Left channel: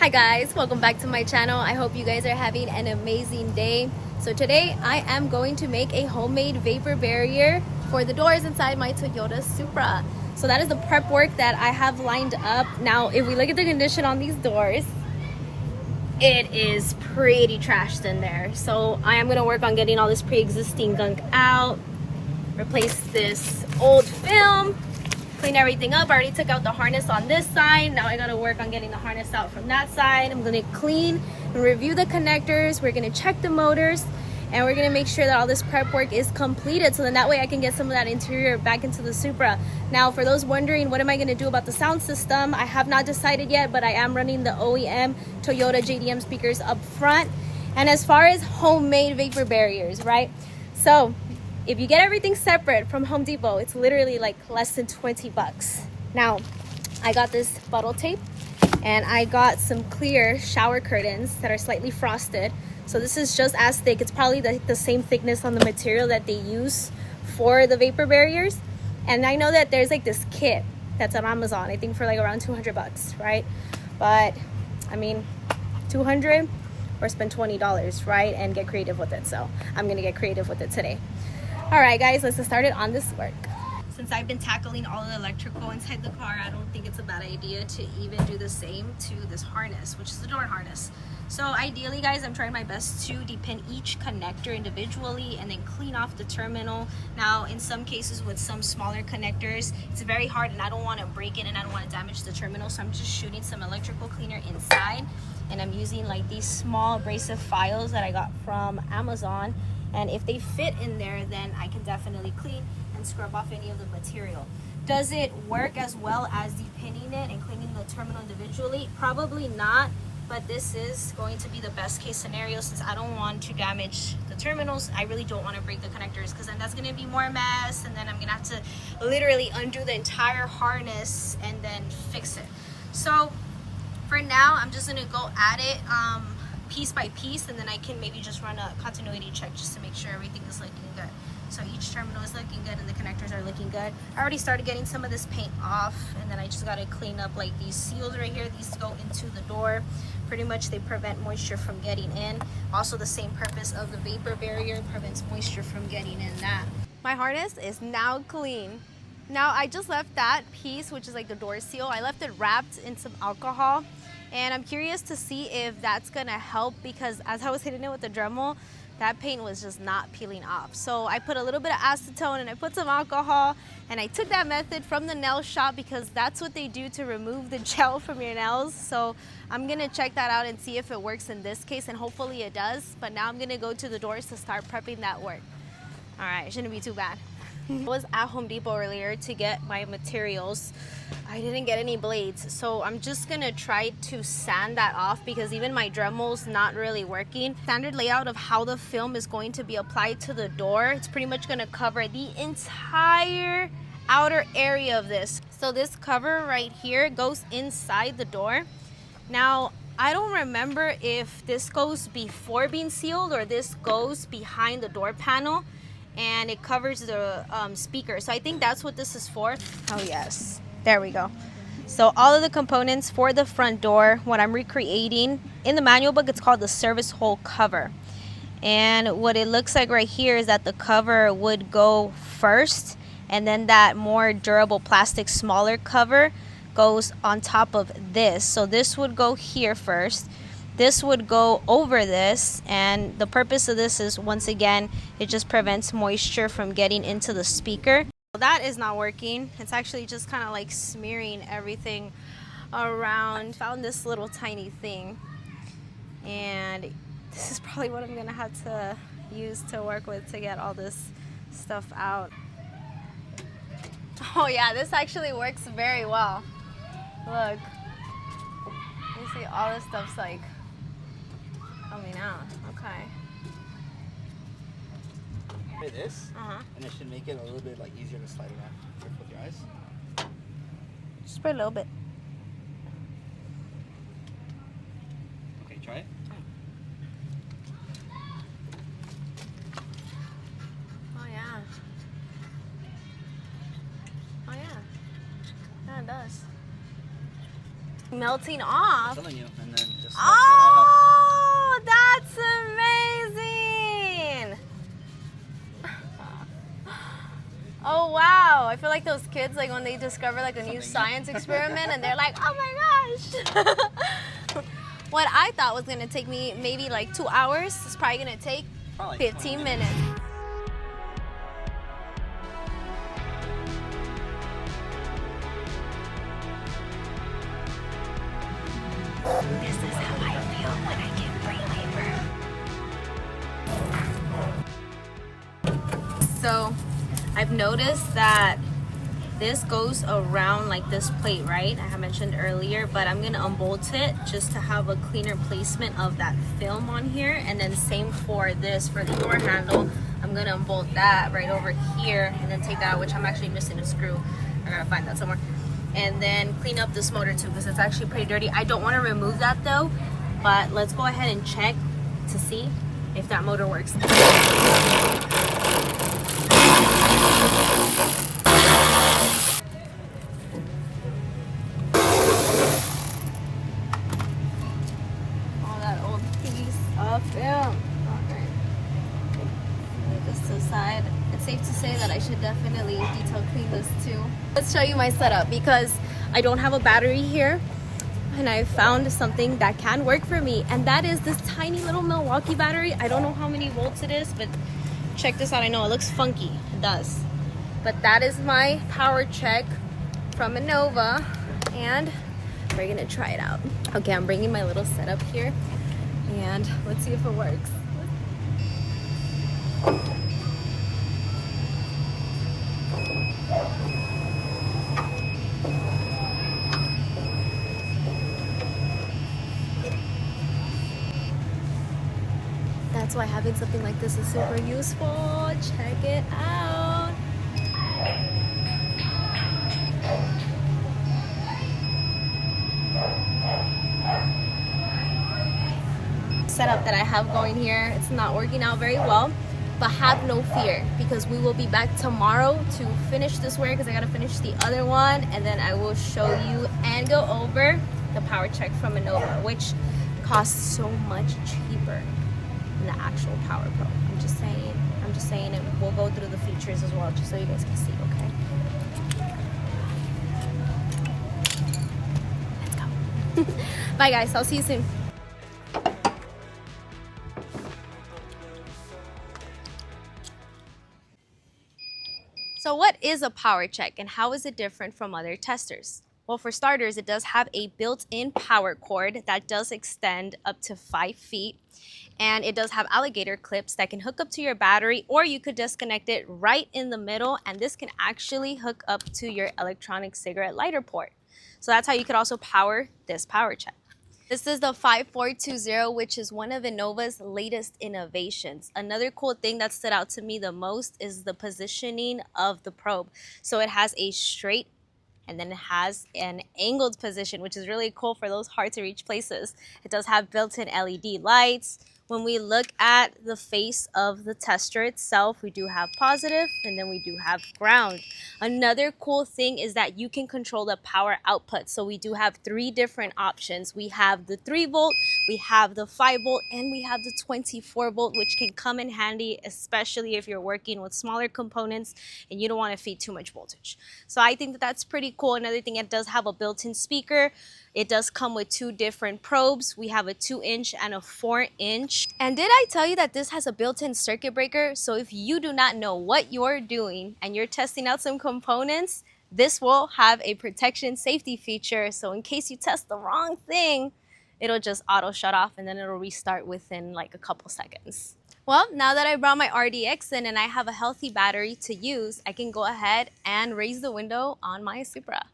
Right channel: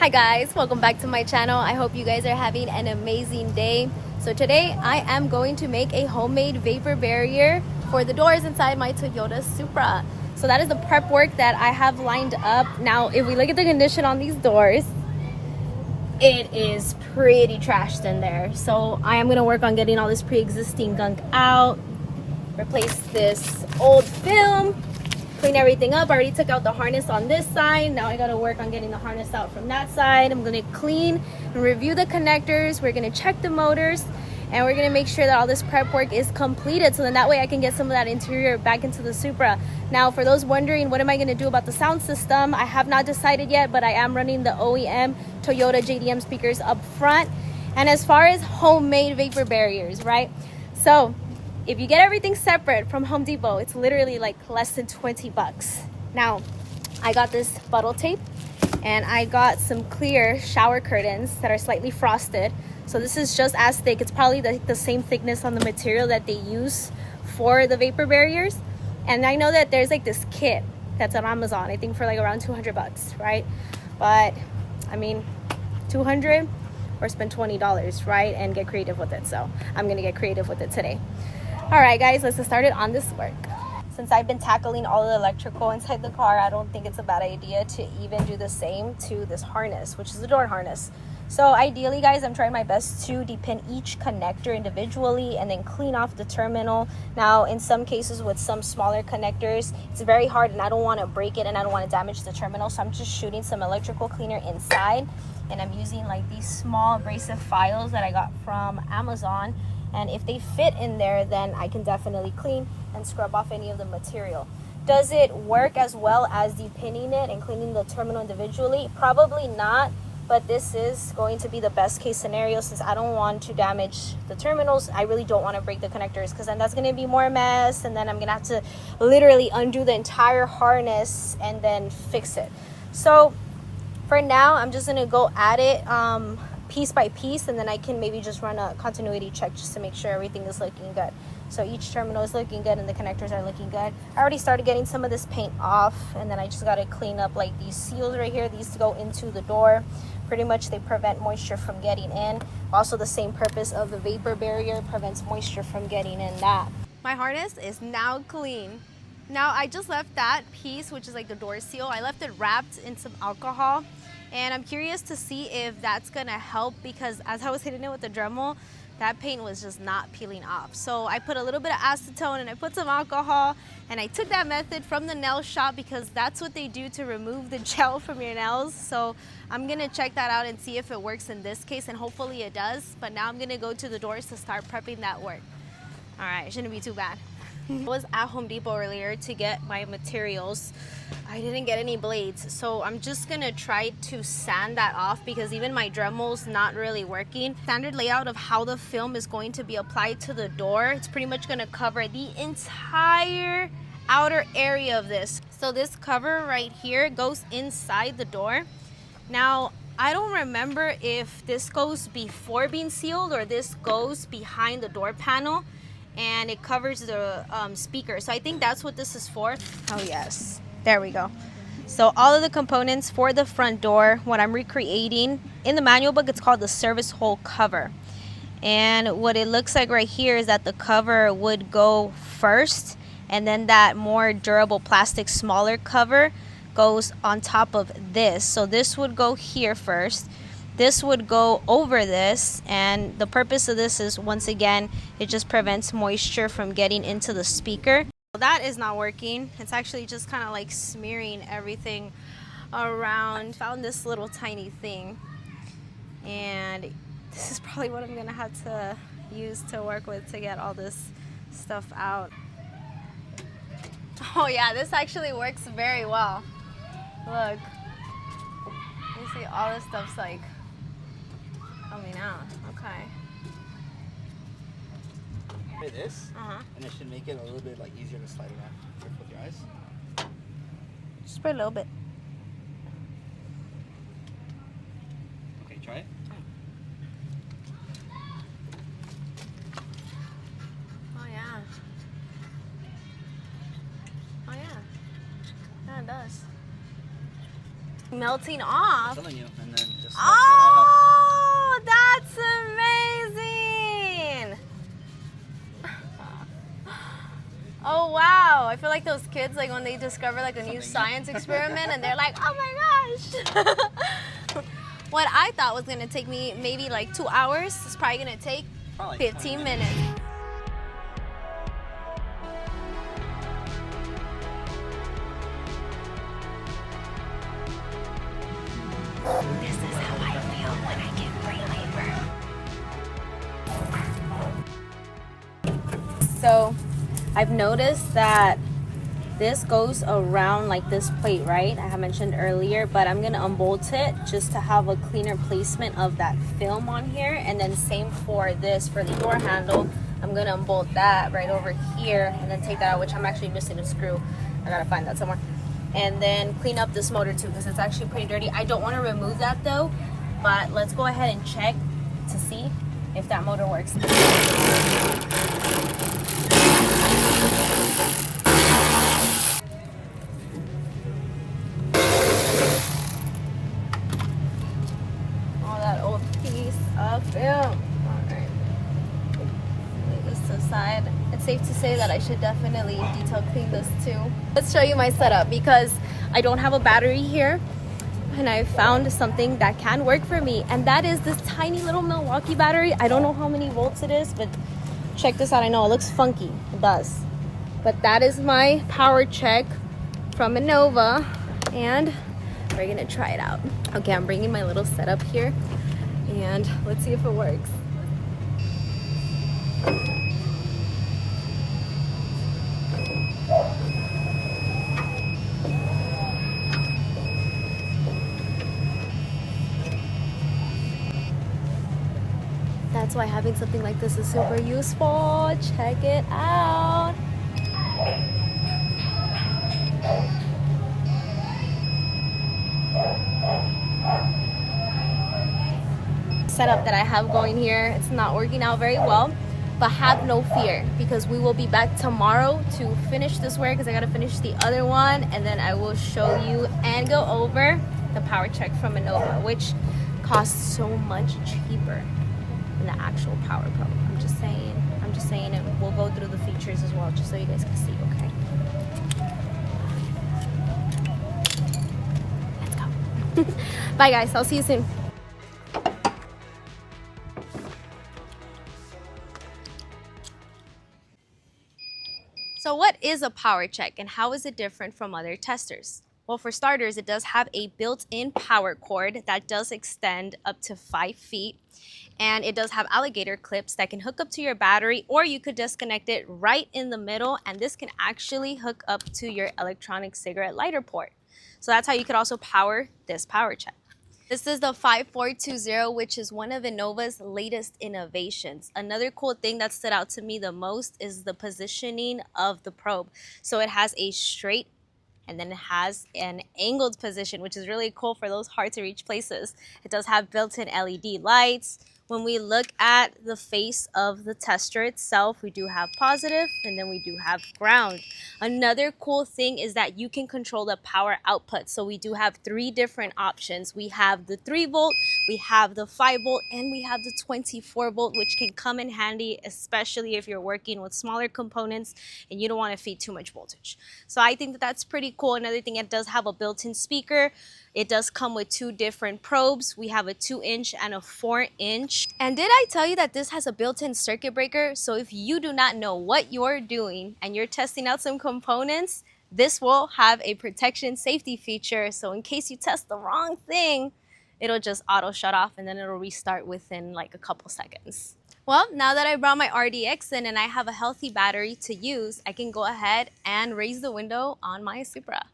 Hi guys, welcome back to my channel. I hope you guys are having an amazing day. So today I am going to make a homemade vapor barrier for the doors inside my Toyota Supra. So that is the prep work that I have lined up. Now if we look at the condition on these doors, it is pretty trashed in there. So I am going to work on getting all this pre-existing gunk out, replace this old film, clean everything up. I already took out the harness on this side. Now I got to work on getting the harness out from that side. I'm going to clean and review the connectors. We're going to check the motors, and we're going to make sure that all this prep work is completed, so then that way I can get some of that interior back into the Supra. Now for those wondering what am I going to do about the sound system, I have not decided yet, but I am running the OEM Toyota JDM speakers up front. And as far as homemade vapor barriers, right? So if you get everything separate from Home Depot, it's literally like less than 20 bucks. Now, I got this bottle tape and I got some clear shower curtains that are slightly frosted. So this is just as thick. It's probably the same thickness on the material that they use for the vapor barriers. And I know that there's like this kit that's on Amazon, I think for like around 200 bucks, right? But I mean, 200 or spend $20, right? And get creative with it. So I'm gonna get creative with it today. All right guys, let's get started on this work. Since I've been tackling all the electrical inside the car, I don't think it's a bad idea to even do the same to this harness, which is the door harness. So ideally guys, I'm trying my best to depin each connector individually and then clean off the terminal. Now in some cases with some smaller connectors, it's very hard and I don't want to break it and I don't want to damage the terminal. So I'm just shooting some electrical cleaner inside, and I'm using like these small abrasive files that I got from Amazon. And if they fit in there, then I can definitely clean and scrub off any of the material. Does it work as well as depinning it and cleaning the terminal individually? Probably not, but this is going to be the best case scenario since I don't want to damage the terminals. I really don't want to break the connectors because then that's going to be more mess, and then I'm going to have to literally undo the entire harness and then fix it. So for now, I'm just going to go at it piece by piece, and then I can maybe just run a continuity check just to make sure everything is looking good. So each terminal is looking good and the connectors are looking good. I already started getting some of this paint off, and then I just got to clean up like these seals right here. These go into the door. Pretty much they prevent moisture from getting in. Also the same purpose of the vapor barrier, prevents moisture from getting in that. My harness is now clean. Now I just left that piece, which is like the door seal, I left it wrapped in some alcohol. And I'm curious to see if that's gonna help, because as I was hitting it with the Dremel, that paint was just not peeling off. So I put a little bit of acetone and I put some alcohol, and I took that method from the nail shop because that's what they do to remove the gel from your nails. So I'm gonna check that out and see if it works in this case, and hopefully it does. But now I'm gonna go to the doors to start prepping that work. All right, it shouldn't be too bad. I was at Home Depot earlier to get my materials. I didn't get any blades, so I'm just gonna try to sand that off because even my Dremel's not really working. Standard layout of how the film is going to be applied to the door, it's pretty much gonna cover the entire outer area of this. So this cover right here goes inside the door. Now I don't remember if this goes before being sealed or this goes behind the door panel, and it covers the speaker. So I think that's what this is for. Oh yes, there we go. So all of the components for the front door, what I'm recreating in the manual book, it's called the service hole cover. And what it looks like right here is that the cover would go first, and then that more durable plastic smaller cover goes on top of this. So this would go here first, this would go over this, and the purpose of this is, once again, it just prevents moisture from getting into the speaker. That is not working. It's actually just kind of like smearing everything around. Found this little tiny thing, and this is probably what I'm gonna have to use to work with to get all this stuff out. Oh yeah, this actually works very well. Look, you see all this stuff's like coming out. Okay. This, and it should make it a little bit like easier to slide around. Careful with your eyes. Just for a little bit. Okay, try it. Oh yeah. Oh yeah. Yeah, it does. Melting off. I'm telling you, and then like those kids, like when they discover like a new science experiment and they're like, oh my gosh. What I thought was gonna take me maybe like 2 hours is probably gonna take 15 minutes. This is how I feel when I get free labor. So I've noticed that this goes around like this plate, right? I have mentioned earlier, but I'm gonna unbolt it just to have a cleaner placement of that film on here. And then same for this, for the door handle, I'm gonna unbolt that right over here and then take that out, which I'm actually missing a screw. I gotta find that somewhere. And then clean up this motor too, because it's actually pretty dirty. I don't want to remove that though, but let's go ahead and check to see if that motor works. Oh, that old piece of film. Alright. Lay this to the side. It's safe to say that I should definitely detail clean this too. Let's show you my setup because I don't have a battery here and I found something that can work for me, and that is this tiny little Milwaukee battery. I don't know how many volts it is, but check this out. I know it looks funky, it does, but that is my power check from Innova and we're gonna try it out. Okay, I'm bringing my little setup here and let's see if it works. That's why having something like this is super useful. Check it out. Setup that I have going here, it's not working out very well, but have no fear because we will be back tomorrow to finish this work because I gotta finish the other one, and then I will show you and go over the power check from Innova, which costs so much cheaper than the actual power probe. I'm just saying, and we'll go through the features as well just so you guys can see. Okay, let's go. Bye guys, I'll see you soon. So what is a power check and how is it different from other testers? Well, for starters, it does have a built-in power cord that does extend up to 5 feet. And it does have alligator clips that can hook up to your battery, or you could disconnect it right in the middle, and this can actually hook up to your electronic cigarette lighter port. So that's how you could also power this power check. This is the 5420, which is one of Innova's latest innovations. Another cool thing that stood out to me the most is the positioning of the probe. So it has a straight and then it has an angled position, which is really cool for those hard to reach places. It does have built-in LED lights. When we look at the face of the tester itself, we do have positive and then we do have ground. Another cool thing is that you can control the power output. So we do have 3 different options. We have the 3 volt, we have the 5 volt, and we have the 24 volt, which can come in handy, especially if you're working with smaller components and you don't want to feed too much voltage. So I think that that's pretty cool. Another thing, it does have a built-in speaker. It does come with 2 different probes. We have a 2-inch and a 4-inch. And did I tell you that this has a built-in circuit breaker? So if you do not know what you're doing and you're testing out some components, this will have a protection safety feature. So in case you test the wrong thing, it'll just auto shut off and then it'll restart within like a couple seconds. Well, now that I brought my RDX in and I have a healthy battery to use, I can go ahead and raise the window on my Supra.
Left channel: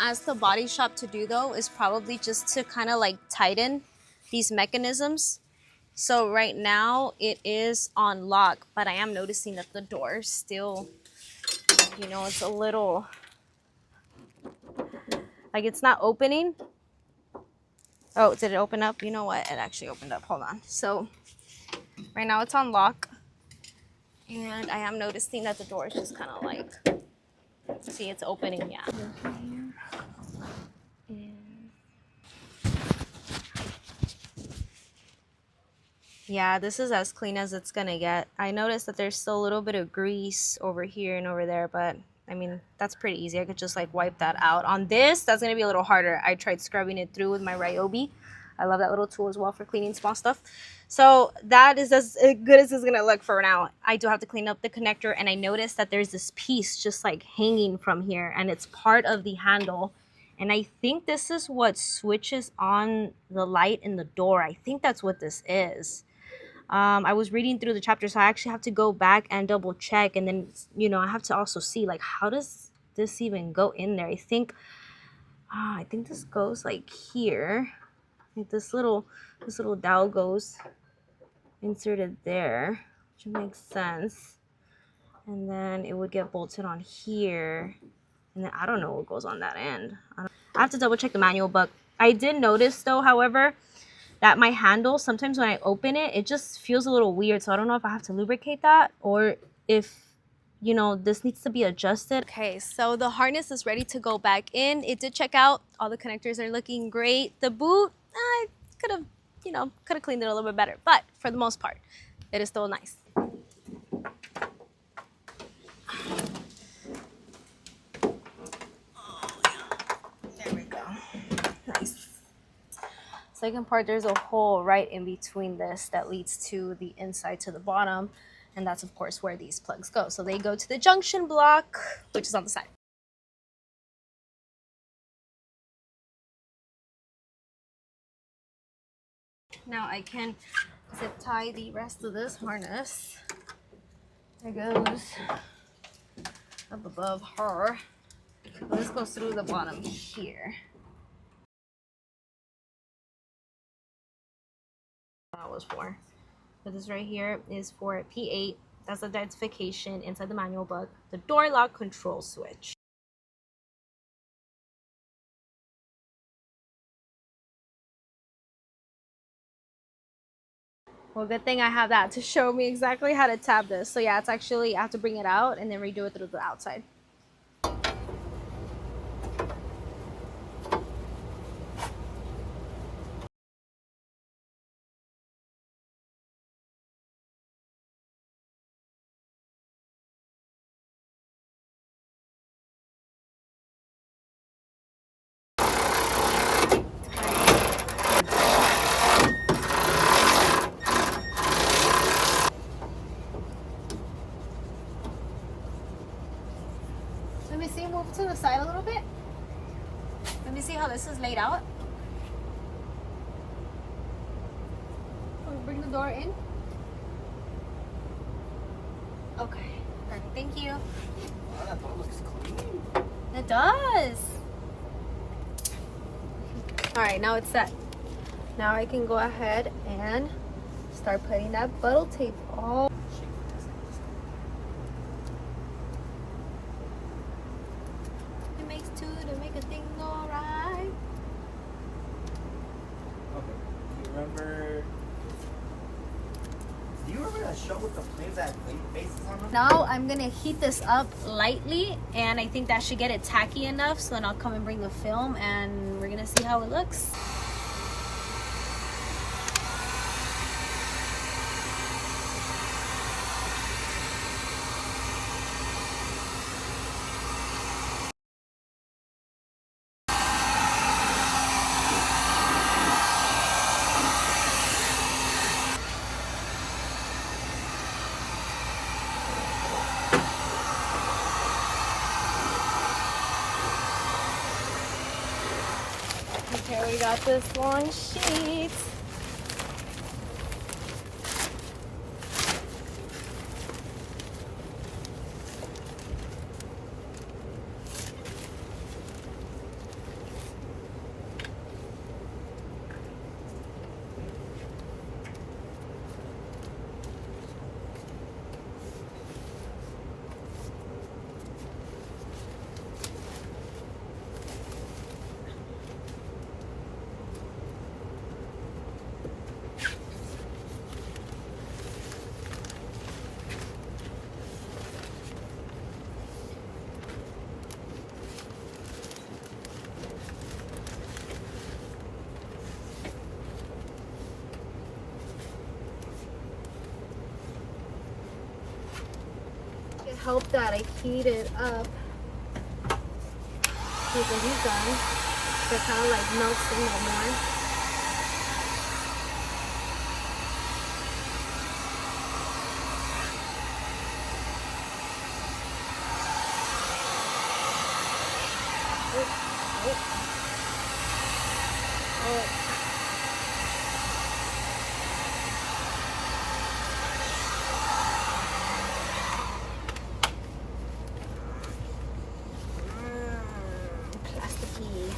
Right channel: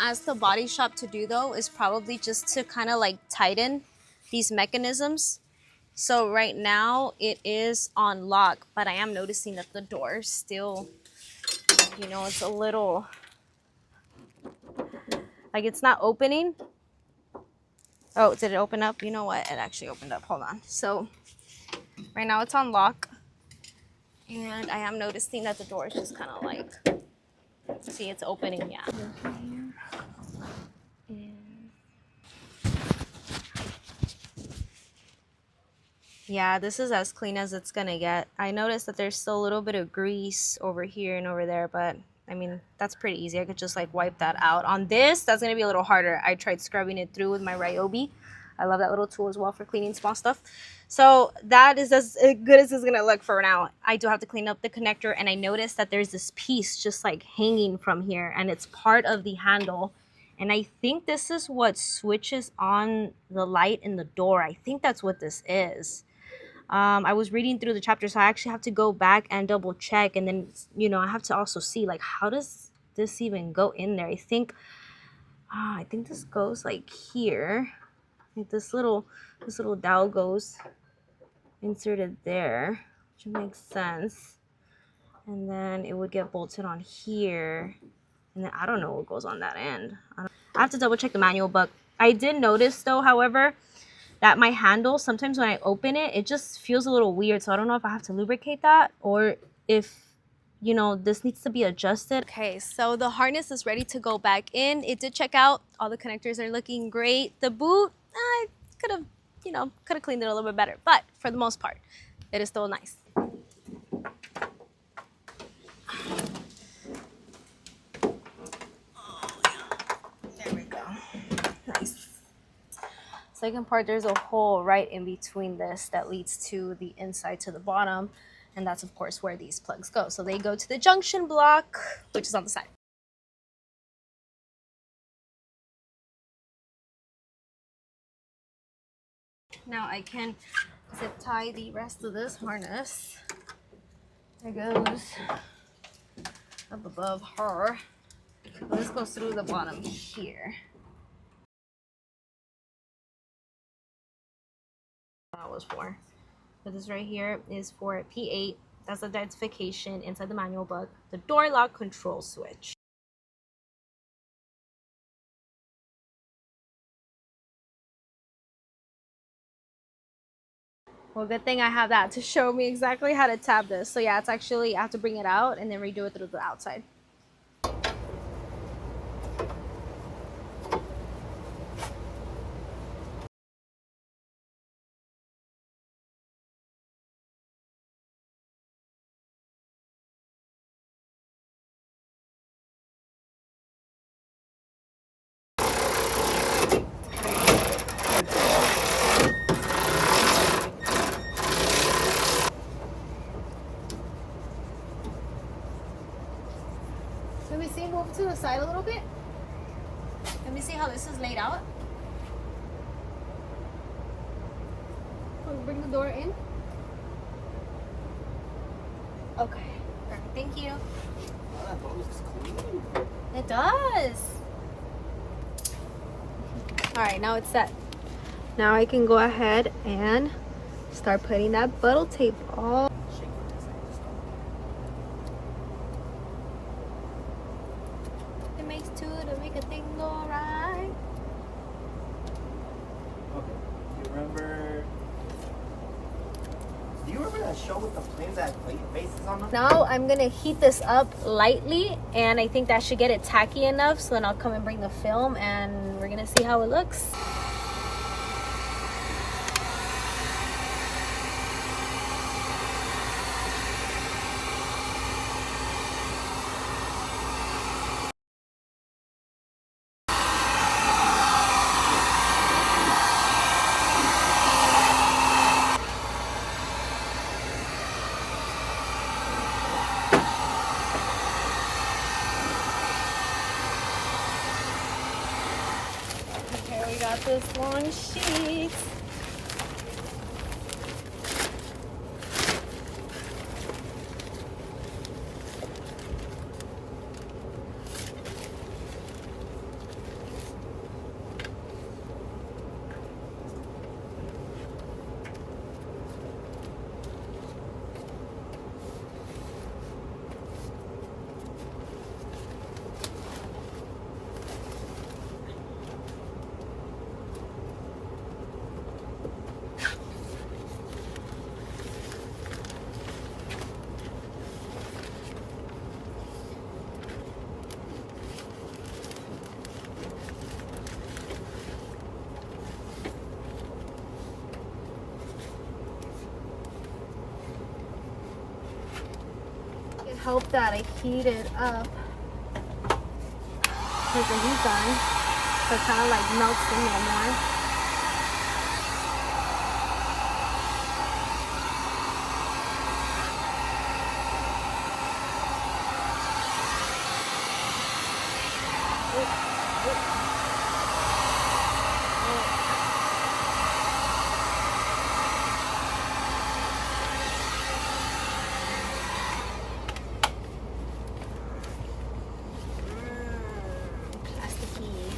ask the body shop to do though is probably just to kind of like tighten these mechanisms. So right now it is on lock, but I am noticing that the door still, you know, it's a little, like it's not opening. Oh, did it open up? You know what? It actually opened up. Hold on. So right now it's on lock. And I am noticing that the door is just kind of like, see, it's opening, yeah. Yeah, this is as clean as it's gonna get. I noticed that there's still a little bit of grease over here and over there, but I mean, that's pretty easy. I could just like wipe that out. On this, that's gonna be a little harder. I tried scrubbing it through with my Ryobi. I love that little tool as well for cleaning small stuff. So that is as good as it's gonna look for now. I do have to clean up the connector, and I noticed that there's this piece just like hanging from here, and it's part of the handle. And I think this is what switches on the light in the door. I think that's what this is. I was reading through the chapter, so I actually have to go back and double check, and then, you know, I have to also see like, how does this even go in there? I think this goes like here. I think this little dowel goes inserted there, which makes sense. And then it would get bolted on here, and then I don't know what goes on that end. I have to double check the manual, but I did notice though, however, that my handle, sometimes when I open it, it just feels a little weird. So I don't know if I have to lubricate that or if, you know, this needs to be adjusted. Okay, so the harness is ready to go back in. It did check out. All the connectors are looking great. The boot, I could have, you know, cleaned it a little bit better. But for the most part, it is still nice. There we go. Nice. Second part, there's a hole right in between this that leads to the inside to the bottom, and that's of course where these plugs go. So they go to the junction block, which is on the side. Now I can zip tie the rest of this harness. It goes up above her. This goes through the bottom here. That was for. But this right here is for P8. That's the identification inside the manual book. The door lock control switch. Well, good thing I have that to show me exactly how to tab this. So yeah, it's actually, I have to bring it out and then redo it through the outside. Let me see, move to the side a little bit. Let me see how this is laid out. Bring the door in. Okay, perfect. Thank you. That looks clean. It does. All right, now it's set. Now I can go ahead and start putting that bottle tape on. It makes two to make a thing go right. Okay. Do you remember that show with the flames that faces on them? Now I'm gonna heat this up lightly, and I think that should get it tacky enough, so then I'll come and bring the film and we're gonna see how it looks. Okay, we got this one sheet. help that I heat it up. Because the heat's on, so it kind of like melts in there more. Plasticky.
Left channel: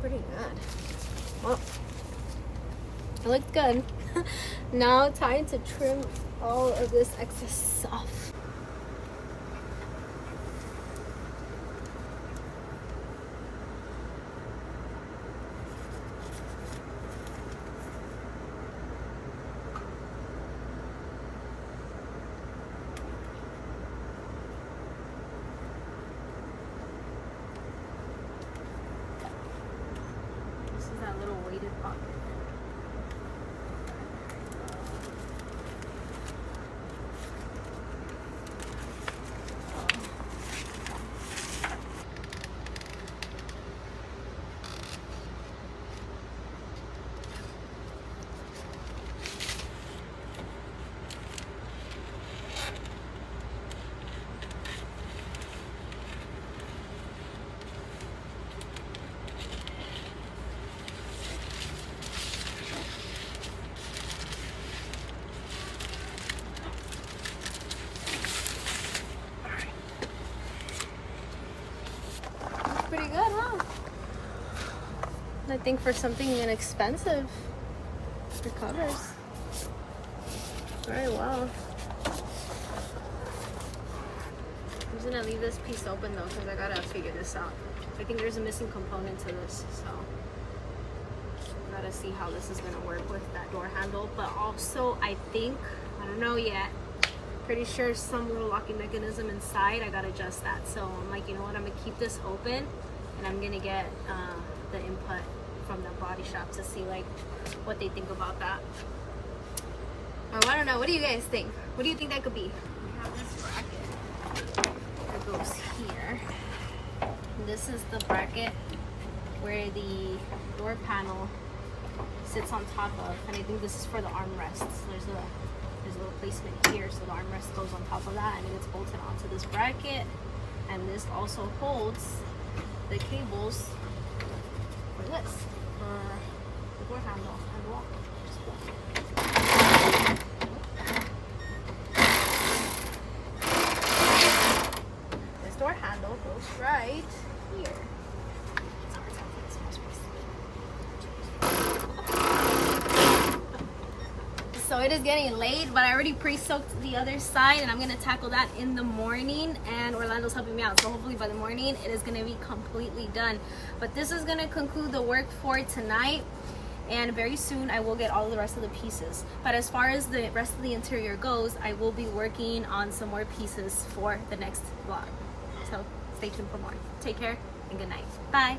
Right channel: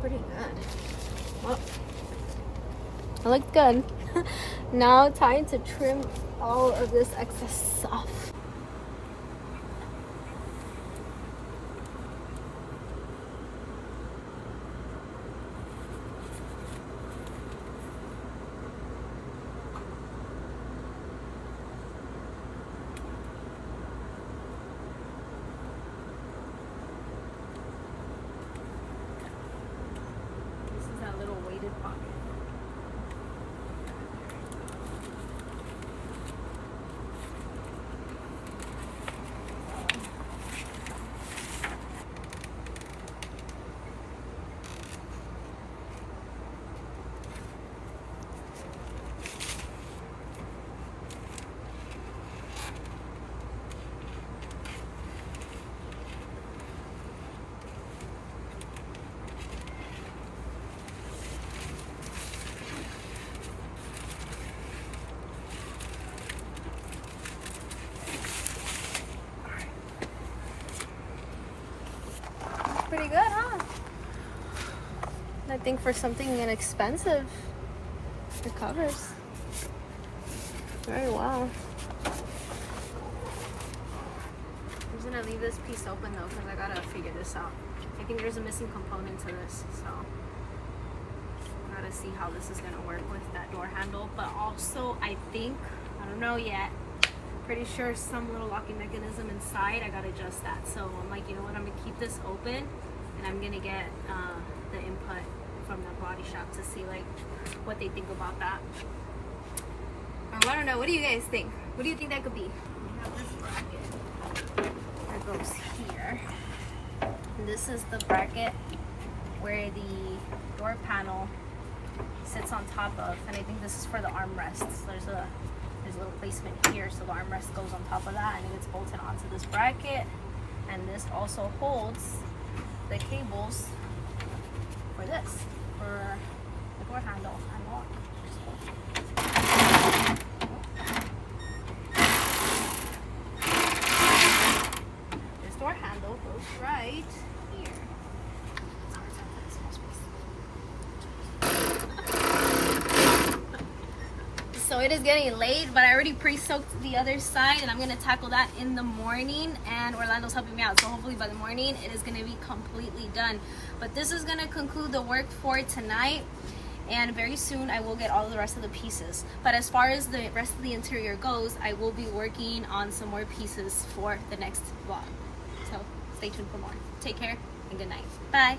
Pretty good. Well, it looks good. Now time to trim all of this excess off. That little weighted pocket. Pretty good, huh? I think for something inexpensive, it covers very well. I'm just gonna leave this piece open though, because I gotta figure this out. I think there's a missing component to this, so I gotta see how this is gonna work with that door handle. But also, I think, I don't know yet, pretty sure some little locking mechanism inside, I gotta adjust that. So I'm like, you know what, I'm gonna keep this open and I'm gonna get the input from the body shop to see like what they think about that. Or I don't know, what do you guys think? What do you think that could be? We have this bracket that goes here. And this is the bracket where the door panel sits on top of, and I think this is for the armrests. So there's a little placement here, so the armrest goes on top of that and it gets bolted onto this bracket. And this also holds the cables for this, for the door handle and wall. This door handle goes right here. So it is getting late, but I already pre-soaked the other side and I'm gonna tackle that in the morning, and Orlando's helping me out. So hopefully by the morning it is gonna be completely done. But this is gonna conclude the work for tonight, and very soon I will get all of the rest of the pieces. But as far as the rest of the interior goes, I will be working on some more pieces for the next vlog. So stay tuned for more. Take care and good night. Bye.